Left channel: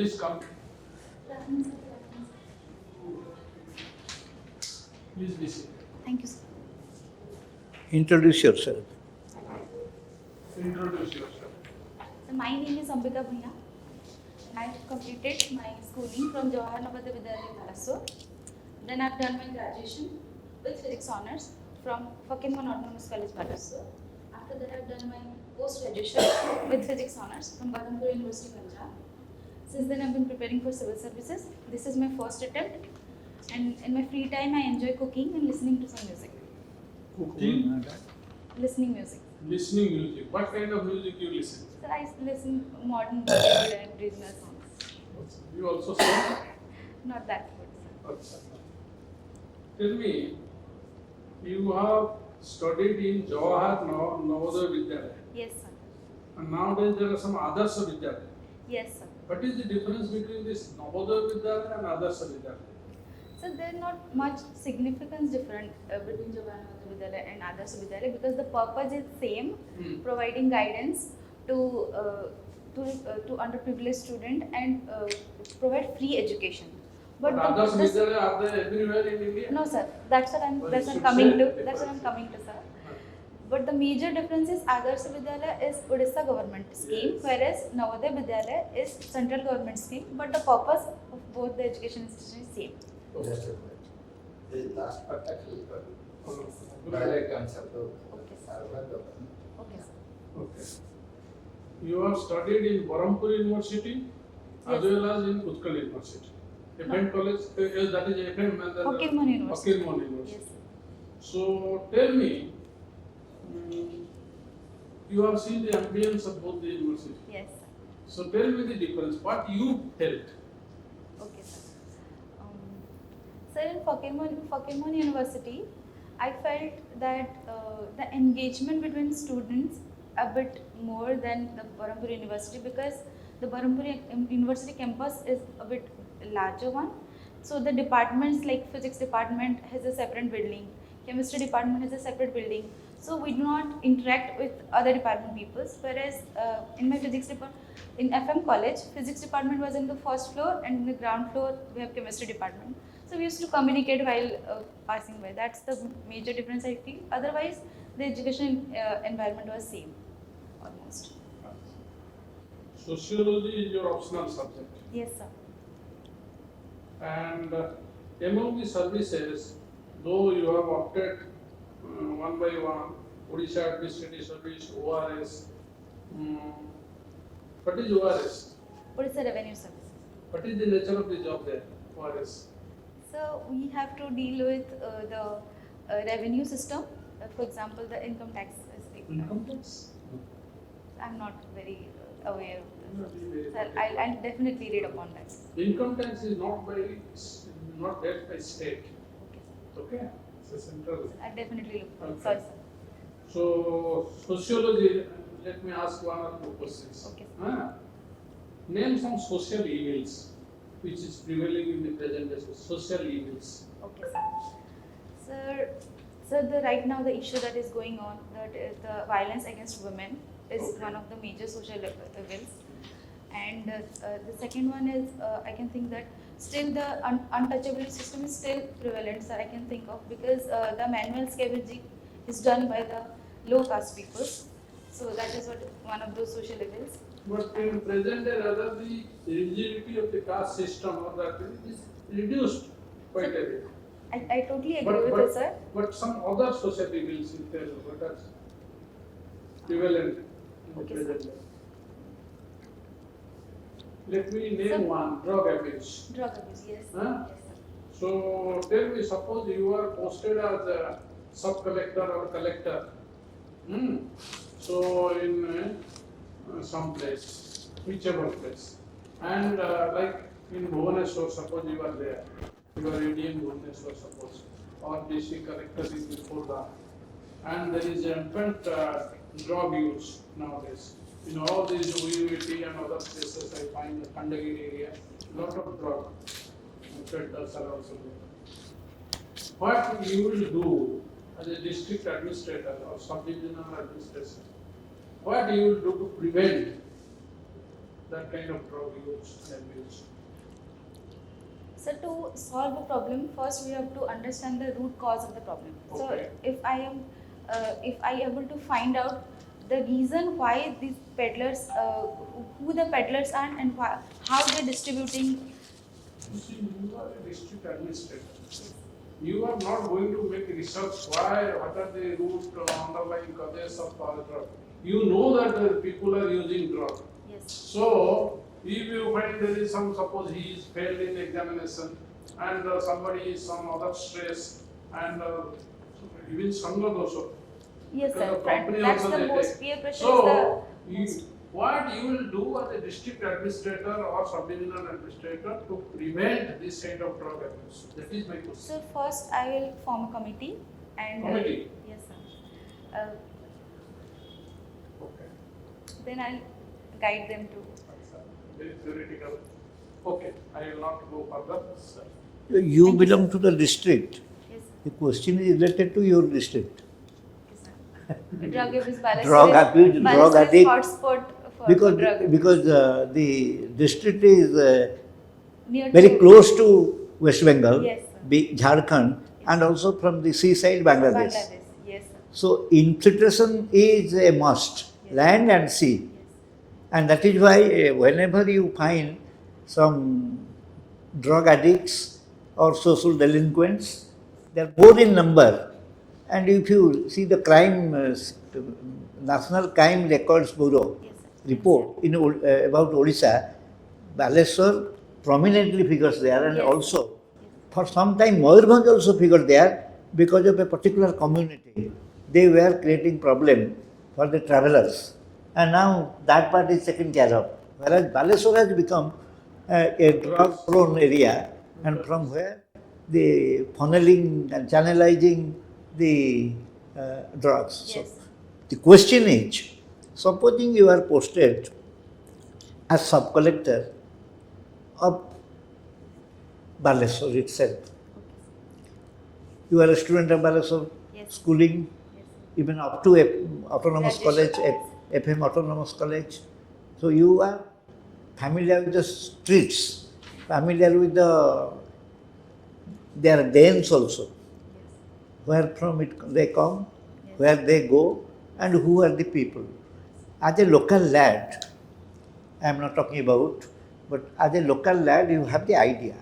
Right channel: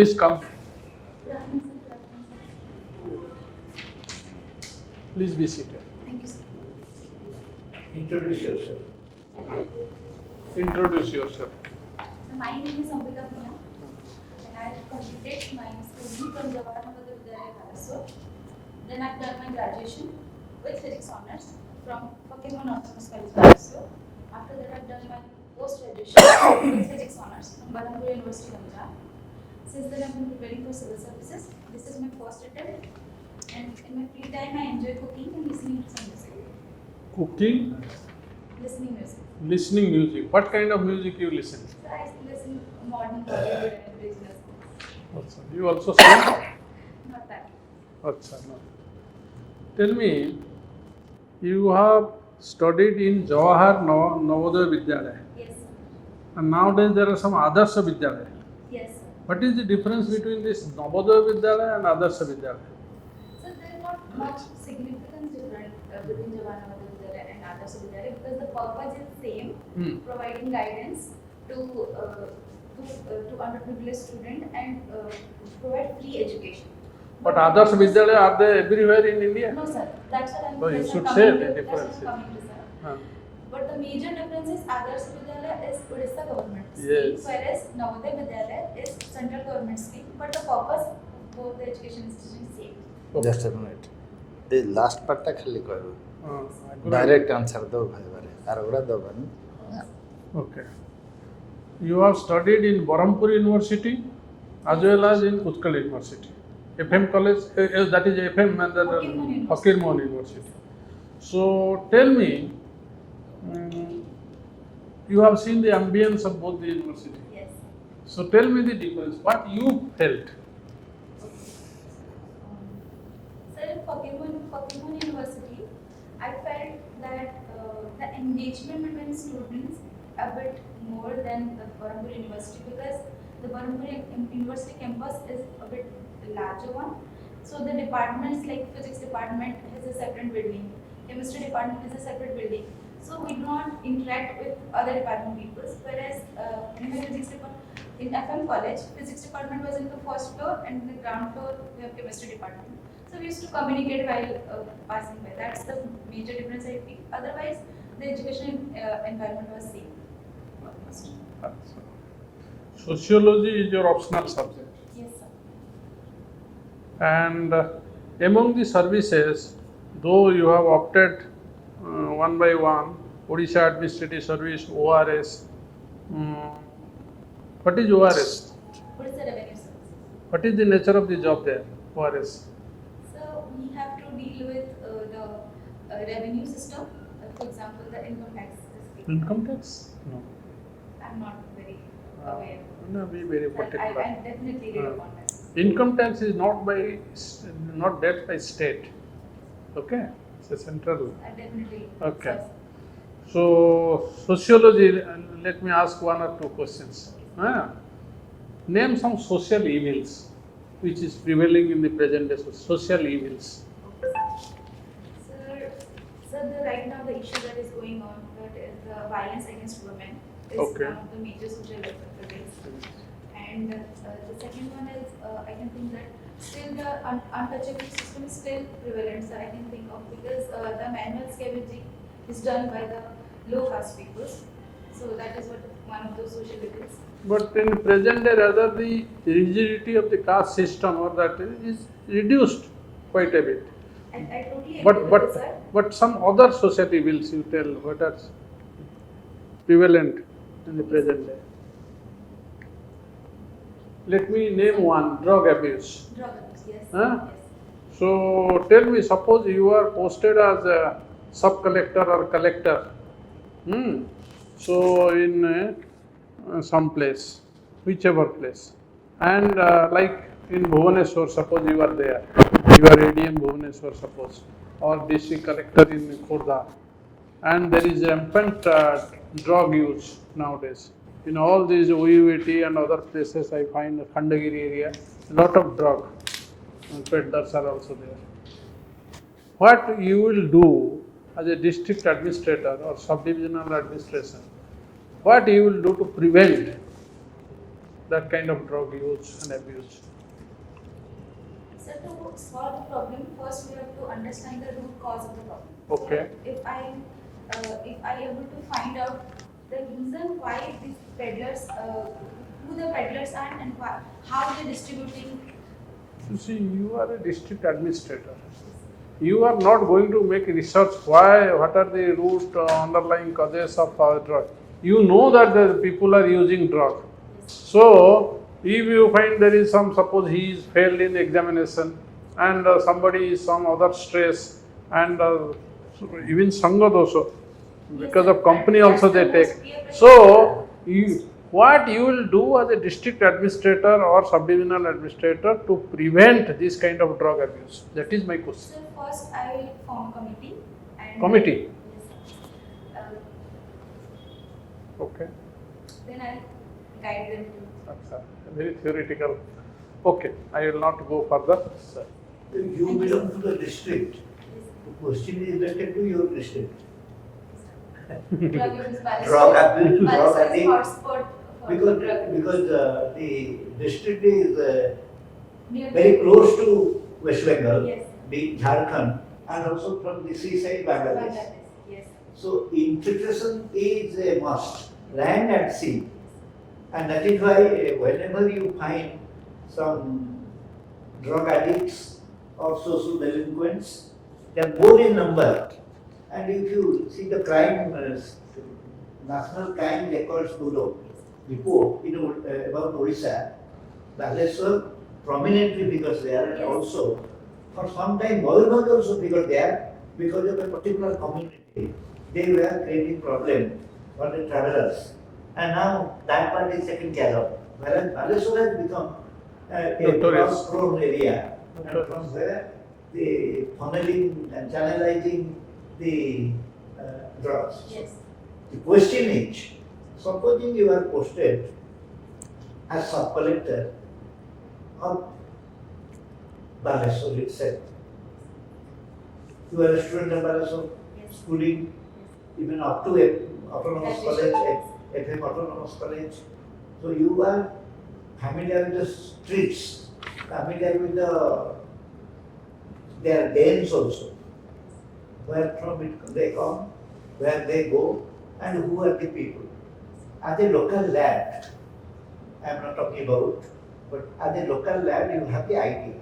Please come. Please be seated. Thank you, sir. Introduce yourself. Introduce yourself. So my name is Ambika Bhuyan. I have completed my schooling from Jawaharlal Navoday Vidyalaya, Mysore. Then I've done my graduation with physics honors from Fakinman Autonomous College, Mysore. After that, I've done my post-graduation with physics honors from Berhampur University, Punjab. Since then, I've been preparing for civil services. This is my first attempt. And in my free time, I enjoy cooking and listening to some music. Cooking, Listening music. listening music. What kind of music you listen? So I listen modern Bollywood and regional songs. You also sing? Not that good. Achha, no. Tell me, you have studied in Jawahar Navodaya Vidyalaya, Yes, sir. and nowadays there are some Adarsha Vidyalaya. Yes, sir. What is the difference between this Navodaya Vidyalaya and Adarsha Vidyalaya? So there's not much significance different between Jawaharlal Navoday Vidyalaya and Adarsh Vidyalaya because the purpose is same, providing guidance to underprivileged student and provide free education. But Adarsha Vidyalaya, are they everywhere in India? No, sir. That's what I'm, Oh, you that's what should I'm say coming the to. That's what I'm difference. coming to, sir. Huh. But the major difference is Adarsh Vidyalaya is Odisha government scheme, Yes. whereas Navodaya Vidyalaya is central government scheme. But the purpose of both the education institutions is same. Just a minute. The last part ta khali कहू. I couldn't- Direct answer दो भाई वाले. आरोग्य दो बन. Okay. You have studied in Berhampur University as well as in Utkal University. FM college, that is FM and then Fakirmohan University. Fakirmohan University. So tell me, you have seen the ambience of both the university. Yes. So tell me the difference. What you felt? Okay. So in Fakirmohan University, I felt that the engagement between students a bit more than the Berhampur University because the Berhampur University campus is a bit larger one. So the departments like physics department has a separate building, chemistry department has a separate building. So we do not interact with other department people. Whereas in my physics department, in FM college, physics department was in the first floor and in the ground floor we have chemistry department. So we used to communicate while passing by. That's the major difference I feel. Otherwise, the educational environment was same almost. Sociology is your optional subject. Yes, sir. And among the services, though you have opted one by one, Odisha Administrative Service, ORS. What is ORS? Odisha Revenue Service. What is the nature of the job there, ORS? So we have to deal with the revenue system. For example, the income tax is Income tax? No. I'm not very aware. No, be very I'll particular. definitely read upon that. Income tax is not dealt by state. Okay? It's a central. I definitely Okay. search. So, sociology, let me ask one or two questions. Name some social evils which is prevailing in the present day, social evils. Okay, sir, right now the issue that is going on, that is the violence against women, is Okay. one of the major social evils. And the second one is, I can think that still the untouchability system is still prevalent, sir, I can think of, because the manual scavenging is done by the low caste people. So that is what one of those social evils. But in present day, rather the rigidity of the caste system or that is reduced quite a bit. I totally agree with you, sir. But some other social evils you tell what are prevalent in the present day. Let me name one, drug abuse. Drug abuse, yes. Huh? Yes. So tell me, suppose you are posted as a sub-collector or collector. So in some place, whichever place. And like in Bhubaneswar, suppose you are there. You are ADM Bhubaneswar, suppose. Or district collector in Khurda. And there is rampant drug use nowadays. In all these UVT and other places, I find the Khandagiri area, a lot of drug peddlers are also there. What you will do as a district administrator or subdivisional administrator, what you will do to prevent that kind of drug use and abuse? So to solve the problem, first we have to understand the root cause of the problem. Okay. So if I able to find out the reason why these peddlers, who the peddlers are and why, how they're distributing. You see, you are a district administrator. You are not going to make research why, what are the root underlying causes of drug. You know that the people are using drug. Yes. So, if you find there is some, suppose he is failed in examination and somebody is some other stress and even Sangha also, Yes, because sir. of company And also that's they the most take. peer pressure. So, what you will do as a district administrator or sub-divisional administrator to prevent this kind of drug abuse? That is my question. So first I will form a committee and Committee? Yes, sir. Okay. Then I guide them to. That's very theoretical. Okay, I will not go further. Sir. You Thank you, belong sir. to the district. Yes, The question is related to your district. drug abuse balance. Drug abuse, drug addict. Hotspot for Because, drug abuse. because the district is Near very to- close to West Bengal, Yes, sir. big Jharkhand, and also from the seaside Bangladesh. Yes, sir. So infiltration is a must, land and sea. And that is why whenever you find some drug addicts or social delinquents, they are more in number. And if you see the crime, National Crime Records Bureau report in, about Odisha, Baleswar prominently figures there, and Yes. also for some time Maoism also figured there because of a particular community. They were creating problem for the travelers, and now that part is taken care of. Whereas Baleswar has become a Notorious. prone area, and from where the funneling and channelizing the drugs. Yes. So the question is, supposing you are posted as sub-collector of Baleswar itself. You are a student of Baleswar, Yes. schooling, even up to autonomous college, FM autonomous college. So you are familiar with the streets, familiar with their dens also, where from it they come, where they go, and who are the people. As a local lad, I am not talking about, but as a local lad, you have the idea.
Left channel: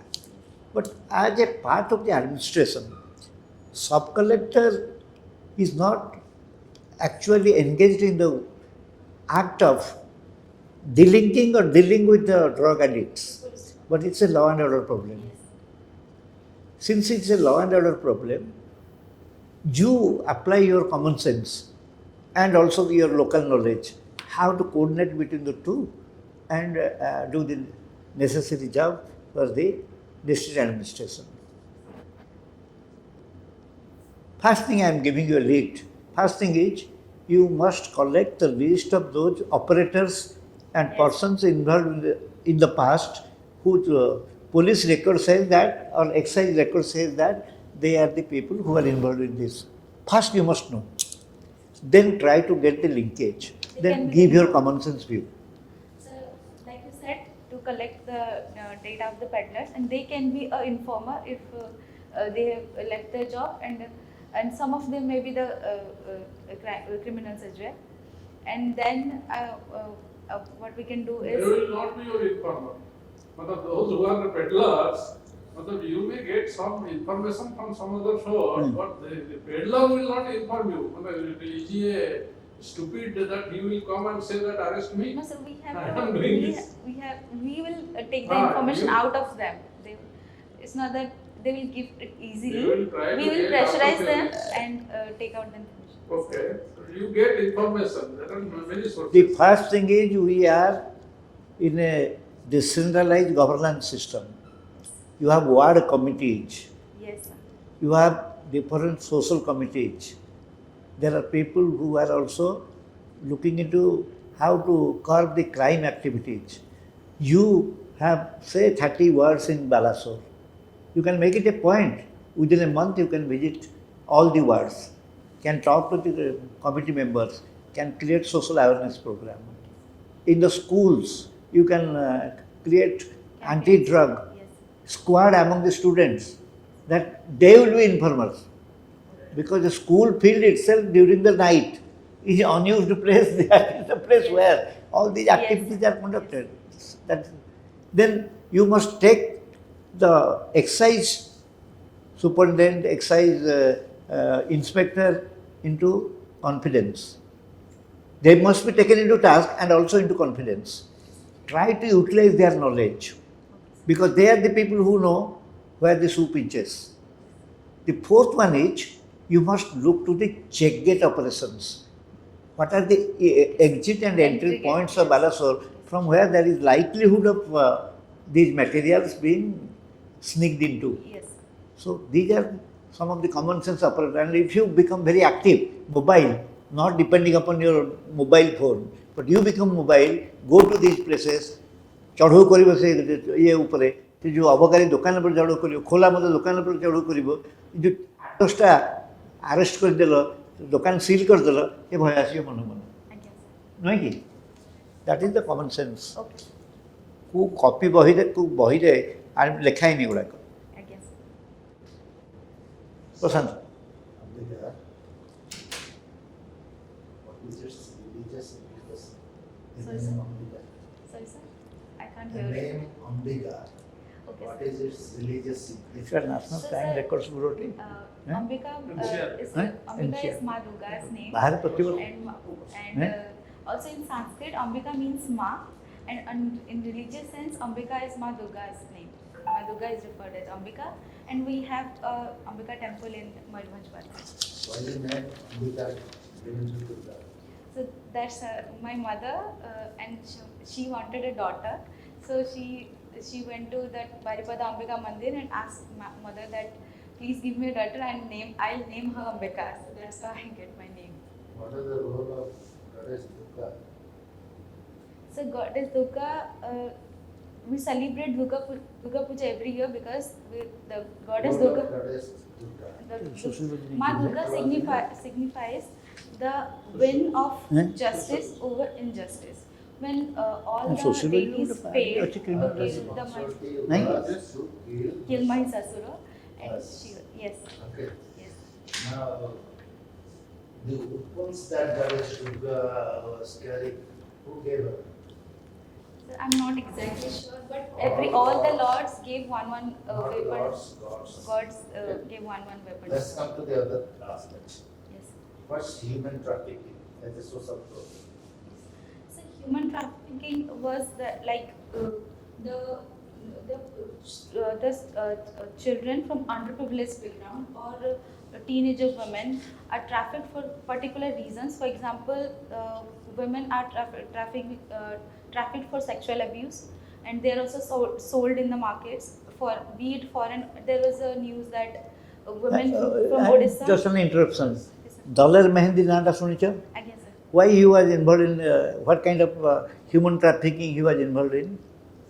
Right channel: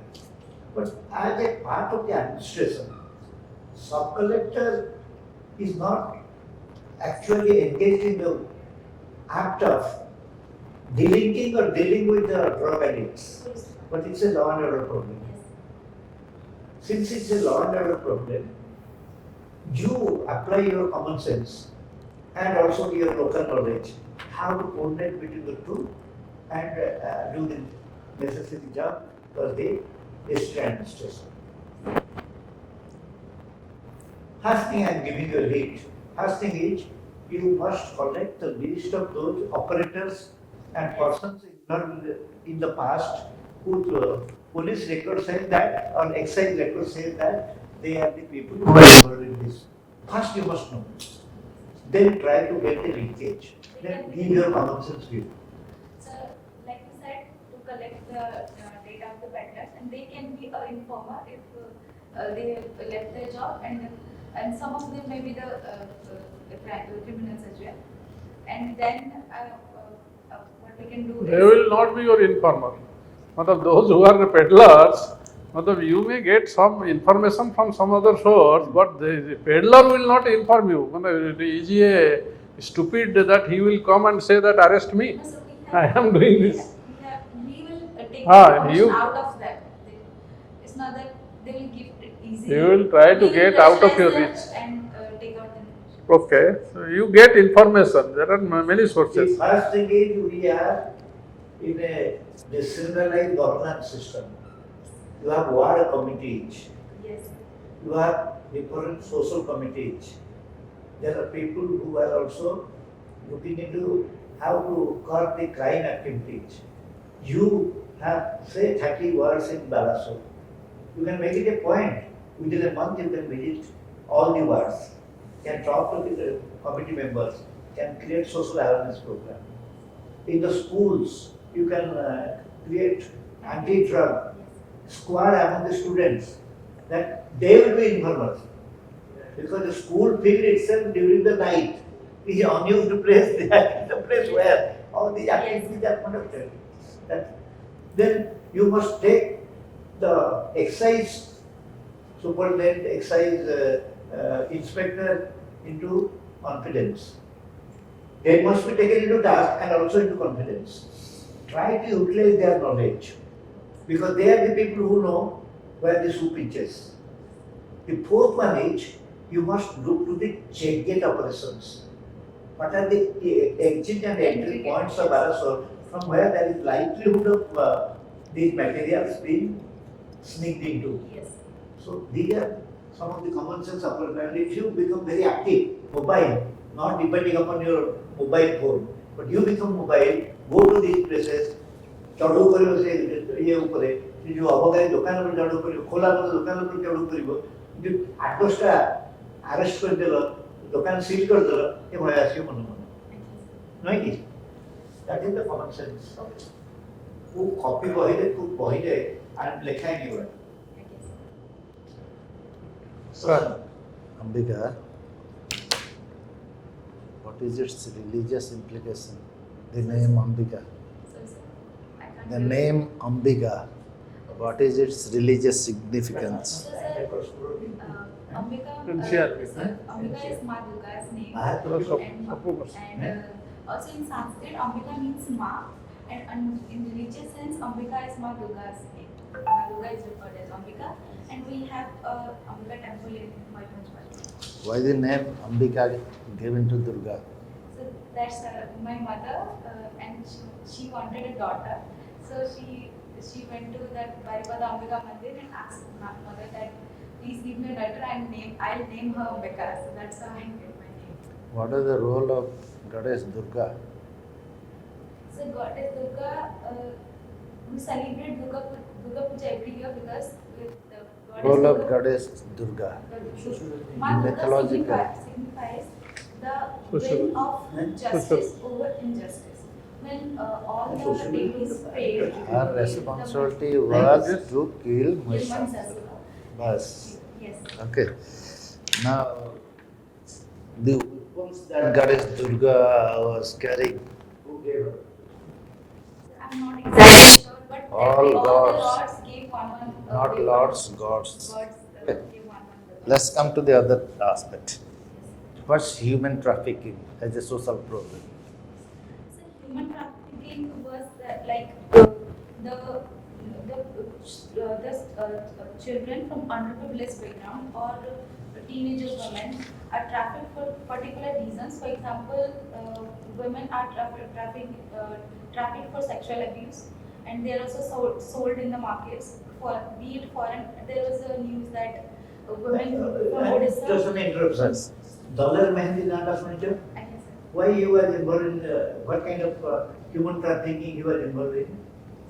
But as a part of the administration, sub-collector is not actually engaged in the act of delinking or dealing with the drug addicts, but it's a law and order problem. Since it's a law and order problem, you apply your common sense and also your local knowledge, how to coordinate between the two and do the necessary job for the district administration. First thing I am giving you a lead. First thing is, you must collect the list of those operators and persons involved in the past whose police record says that or excise record says that they are the people who are involved in this. First you must know. Then try to get the linkage. Then give your common sense view. So, like you said, to collect the data of the peddlers, and they can be an informer if they have left their job, and some of them may be the criminals as well. And then what we can do is They will not be your informer. Matlab those who are the peddlers, matlab you may get some information from some other source, but the peddler will not inform you. Matlab is he a stupid that he will come and say that arrest me? No, so we I have, am doing we this. we will take the Ah, information you- out of them. It's not that they will give it easily. You will try to We will get out of pressurize your them reach. and take out the information. Okay, so you get information. There are many The sources. first thing is we are in a decentralized governance system. You have ward committees. Yes, sir. You have different social committees. There are people who are also looking into how to curb the crime activities. You have, say, 30 wards in Balasore. You can make it a point. Within a month, you can visit all the wards, can talk to the committee members, can create social awareness program. In the schools, You can create anti-drug squad among the students, that they will be informers. Because the school field itself during the night is unused place, that is the place where all these activities are conducted. That, then you must take the excise superintendent, excise inspector into confidence. They must be taken into task and also into confidence. Try to utilize their knowledge, because they are the people who know where the shoe pinches. The fourth one is, you must look to the check gate operations. What are the exit and entry points of Balasore from where there is likelihood of these materials being sneaked into? Yes. So these are some of the common sense operations. And if you become very active, mobile, not depending upon your mobile phone, but you become mobile, go to these places, चढ़ऊ कर ये उपरे जो अबकारी दुकान पर चढ़ऊ कर खोला मत दुकान पर चढ़ऊ कर जो 8-10टा अरेस्ट करदेल दुकान सील करदेल ये भय आस मन मन नहीं कि that is the common sense को कॉपी बही रे लिखाई नहीं गुड़ा Ambika, what is its religious implication? The name Ambika. Sorry, sir. I can't The hear you. name Ambika, what is its religious significance? So, Time sir, records bureau Ambika, NCR. Ambika is Ma Durga's name. बाहर तो And also in Sanskrit, Ambika means Ma, and in religious sense, Ambika is Ma Durga's name. Ma Durga is referred as Ambika, and we have Ambika temple in Mayurbhanj. Why the name Ambika given to Durga? So that's my mother, and she wanted a daughter. So she went to that Baripada Ambika Mandir and asked my mother that please give me a daughter and I'll name her Ambika. So that's how I get my name. What is the role of Goddess Durga? So Goddess Durga, we celebrate Durga Puja every year because the Goddess Role Durga. of Goddess Durga. Ma Durga Mythological. signifies the win of justice over injustice. When all the Sociological. babies fail, Her responsibility was to kill kill Mahisa. Mahishasura. Bas. Yes. Okay. Now, the weapons that Goddess Durga was carrying, who gave her? So I'm not exactly sure, but All all the gods. lords gave one. Not weapon. lords, gods. Gods Okay. gave one weapon. Let's come to the other aspect. Yes. What's human trafficking as a social problem? So human trafficking was children from underprivileged background or teenagers women are trafficked for particular reasons. For example, women are trafficked for sexual abuse, and they are also sold in the markets for be it foreign. There was a news that women from Odisha. Just an interruption. Dollar Mehendi Nanda Sunicha, I can say. why he was involved in what kind of human trafficking he was involved in?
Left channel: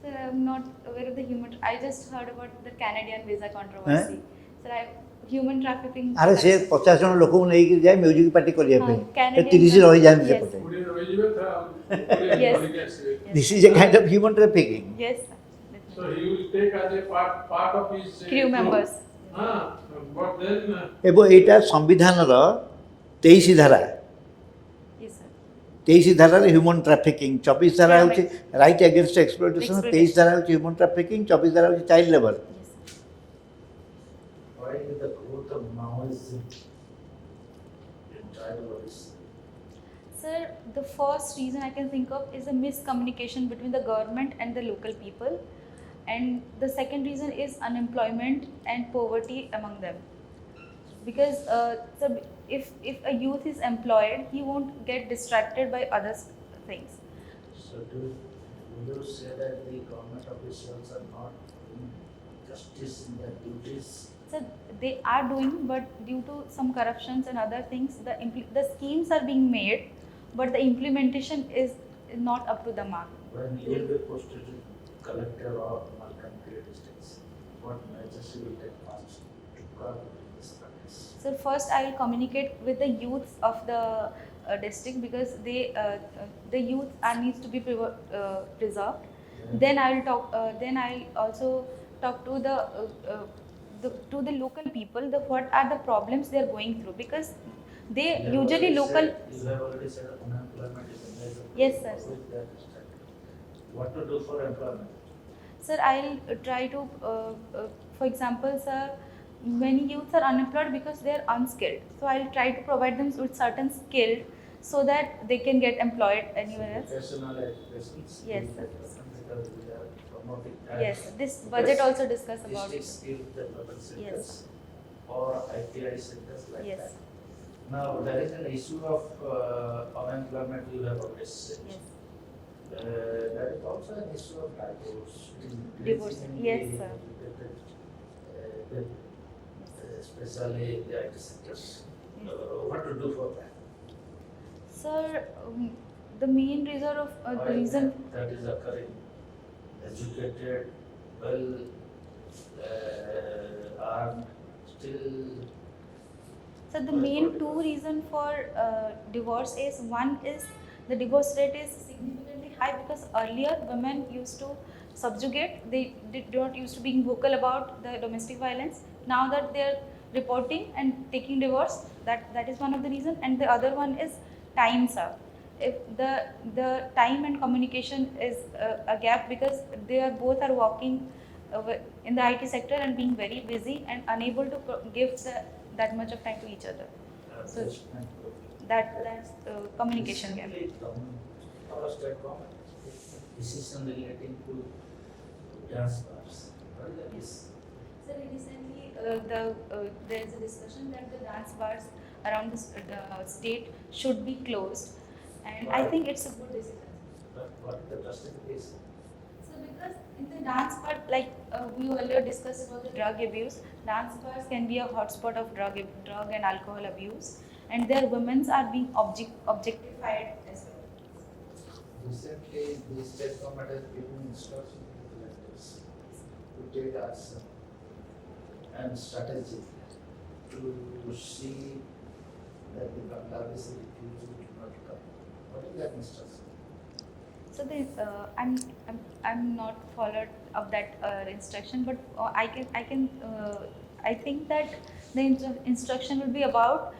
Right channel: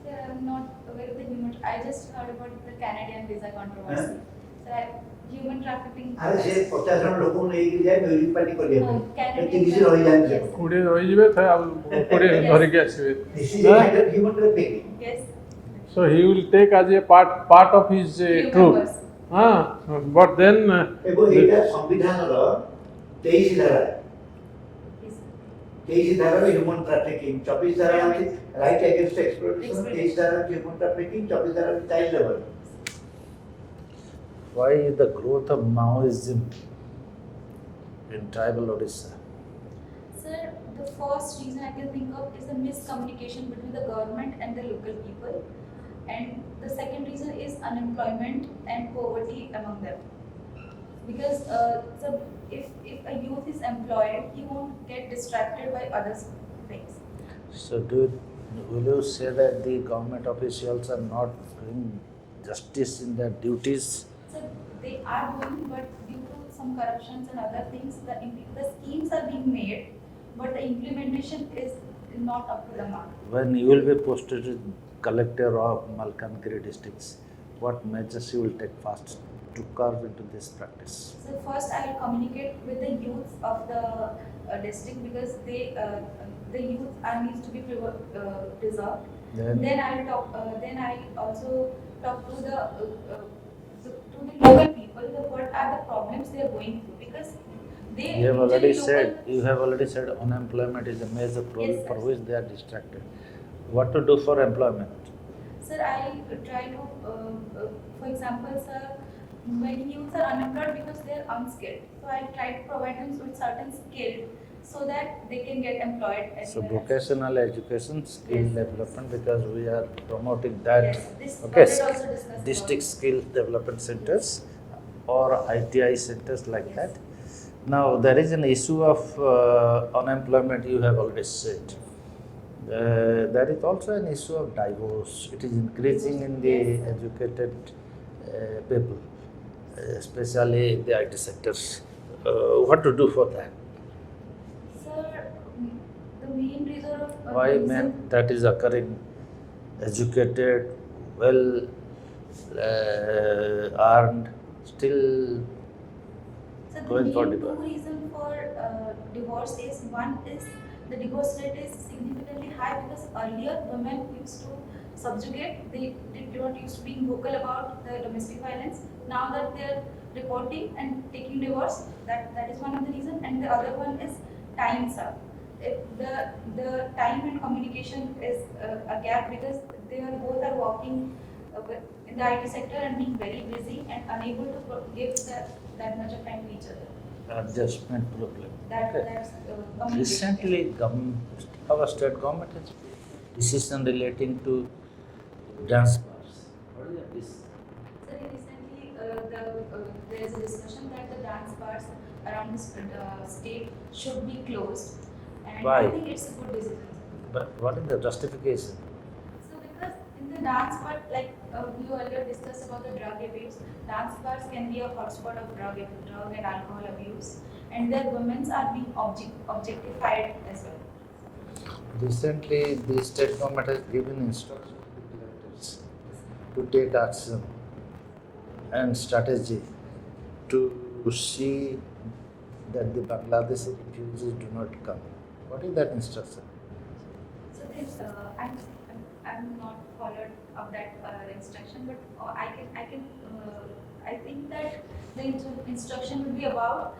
So I'm not aware of the human. I just heard about the Canadian visa controversy. So human trafficking. अरे से 50 जन लोगों को नहीं जाए music party कर लिया हाँ, Canadian- 30 रही जाए Yes. कोड़े रहिबे थे अब कोड़े Yes. धरिके आसीबे This is a kind of human trafficking. Yes. so he will take as a part of his Crew crew members. but then ଏବଂ ଏଇଟା ସମ୍ବିଧାନର 23 ଧାରା Yes. 23 ଧାରାରେ ହ୍ୟୁମାନ୍ ଟ୍ରାଫିକିଂ 24 ଧାରା ହେଉଛି ରାଇଟ୍ ଏଗେନଷ୍ଟ ଏକ୍ସପ୍ଲୋଇଟେସନ୍ 23 ଧାରା ହେଉଛି ହ୍ୟୁମାନ୍ ଟ୍ରାଫିକିଂ 24 ଧାରା ହେଉଛି child labour Why is the growth of Maoism in tribal Odisha? Sir, the first reason I can think of is a miscommunication between the government and the local people. And the second reason is unemployment and poverty among them. Because so if a youth is employed, he won't get distracted by other things. So will you say that the government officials are not doing justice in their duties? So they are doing, but due to some corruptions and other things, the schemes are being made, but the implementation is not up to the mark. When you will be posted to collector of Malkankiri districts, what measures you will take first to curb into this practice? So first I will communicate with the youths of the district because the youth needs to be preserved. Then- Then I'll talk. Then I'll also talk to the local people. What are the problems they are going through, because they You have usually already local. said, you have already said unemployment is a major problem Yes, sir. for which they are distracted. What to do for employment? Sir, I'll try to, for example, sir, many youths are unemployed because they are unskilled. So I'll try to provide them with certain skill so that they can get employed So anywhere else. vocational education, skill Yes. development, because we are promoting that. Yes, this Okay, budget also discuss district about. skill development centers or ITI centers like Yes. that. Now there is an issue of unemployment, you have already said. Yes. There is also an issue of divorce. It is increasing in the Yes, sir. educated people, especially in the IT sectors. What to do for that? Sir, the main reason of Why reason, that is occurring? Educated, well earned, still so the going for main two divorce. reason for divorce is, one is the divorce rate is significantly high because earlier women used to subjugate, they don't used to being vocal about the domestic violence. Now that they are reporting and taking divorce, that is one of the reason, and the other one is time, sir. If the time and communication is a gap because they are both are working in the IT sector and being very busy and unable to give that much of time to each other. Adjustment problem. That's communication. Recently, our state government has decision relating to dance bars. What is that? Sir, recently there is a discussion that the dance bars around the state should be closed, and Why? I think it's a good decision. But what is the justification? So because in the dance part, like we earlier discussed about the drug abuse, dance bars can be a hotspot of drug and alcohol abuse, and their women are being objectified as well. Recently, the state government has given instructions to the collectors to take action and strategy to see that the Bangladeshi refugees do not come. What is that instruction? So this, I'm not followed of that instruction, but I think that the instruction will be about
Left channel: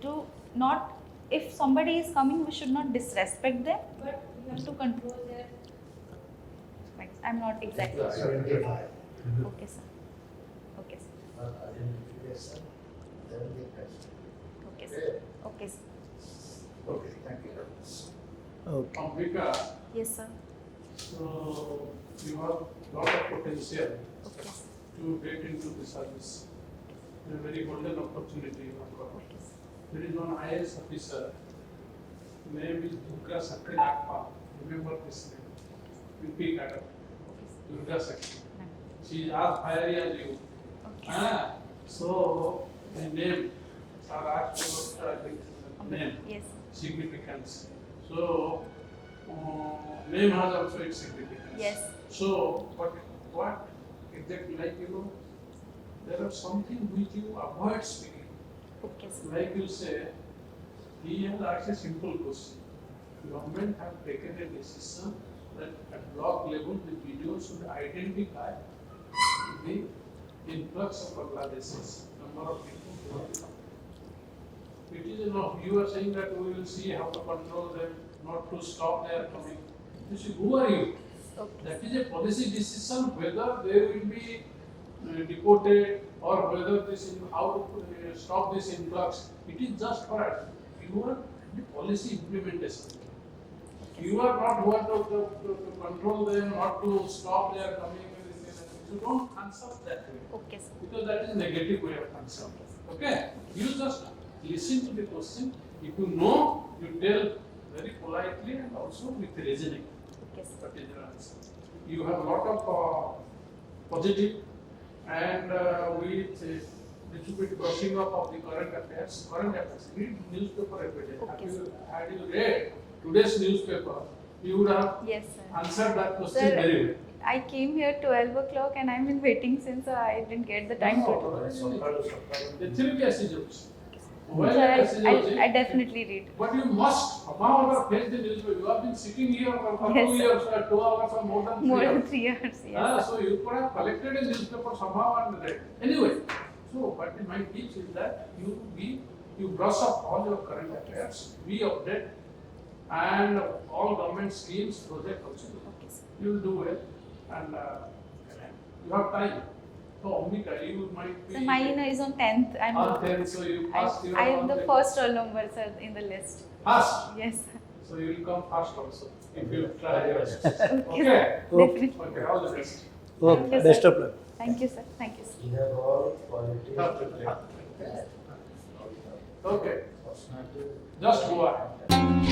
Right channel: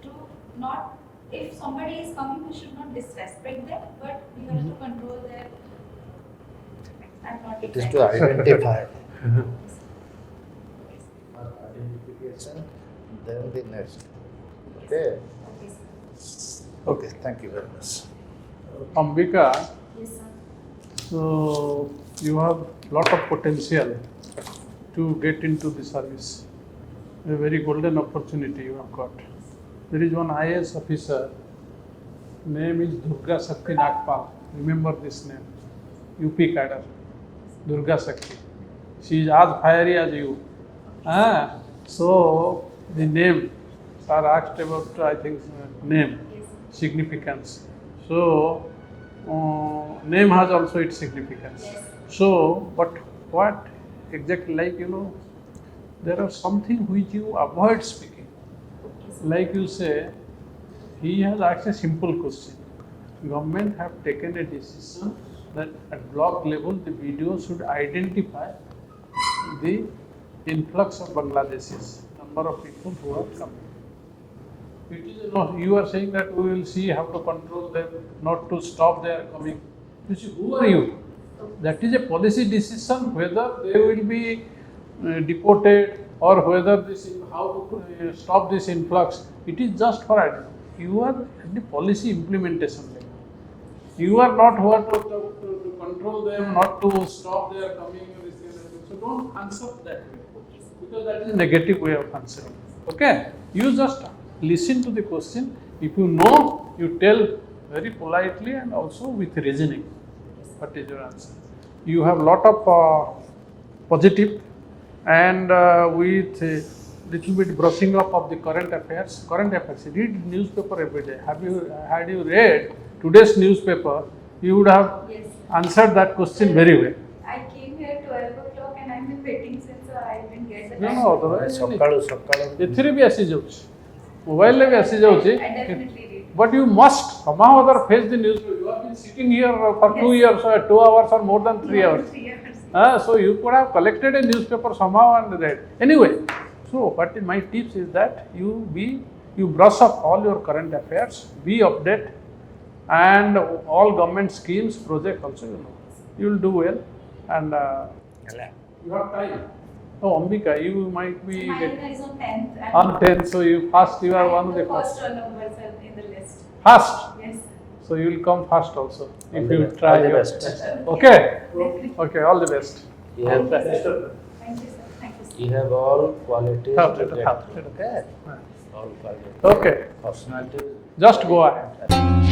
to not, if somebody is coming, we should not disrespect them, but we have to control their. I'm not It is exactly. to identify. Okay, sir. Okay, sir. Identification, then the next. Okay, sir. Okay. Okay, sir. Okay, thank you very much. Ambika, Yes, sir. so you have lot of potential to get into the service. A very golden opportunity you have got. There is one IAS officer, name is Durga Shakti Nagpal. Remember this name? UP cadre, Durga Shakti. She is as fiery as you. So the name, sir asked about, I think, name, Yes. significance. So name has also its significance. Yes. So, but what exactly, like, there are something which you avoid speaking. Okay, sir. Like you say, he has asked a simple question. Government have taken a decision that at block level the BDO should identify the influx of Bangladeshis, number of people who have come. It is not, you are saying that we will see how to control them, not to stop their coming. You see, who are you? That is a policy decision whether they will be deported or whether how to stop this influx. It is just for you are at the policy implementation level. You are not who are to control them, not to stop their coming. So don't answer that way, Okay, sir. because that is negative way of answering. Okay, you just listen to the question. If you know, you tell very politely and also with reasoning. Okay, sir. What is your answer? You have lot of positive and with a little bit brushing up of the current affairs. Current affairs. Read newspaper every day. Had you read today's newspaper, you would have Yes, sir. answered that question Sir, very well. I came here 12 o'clock and I'm in waiting since I didn't get the No, time. no, otherwise ସକାଳୁ ସକାଳୁ ଏଥିରେ ବି ଆସିଯାଉଛି Mobile like assi jauchi. I definitely read. But you must somehow or other face the newspaper. You have been sitting here for Yes. 2 years or 2 hours or more than 3 More hours. than 3 years. Yes. So you could have collected a newspaper somehow and read. Anyway, so what my tips is that you brush up all your current affairs, be update, and all government schemes, project also you will do well, and you have time. Oh, Ambika, you might be So mine is on 10th. And on 10th, so you fast. You I are am one of the the first roll number in the list. fast. Yes. So you will come fast also if All you the try. all the your- best. Okay. Definitely. Okay. All the best. You have, Okay, Best sir. of luck. Thank you, sir. Thank you, sir. you have all qualities Have to it, get have it. there. All qualities. Okay. Personality. Just go ahead.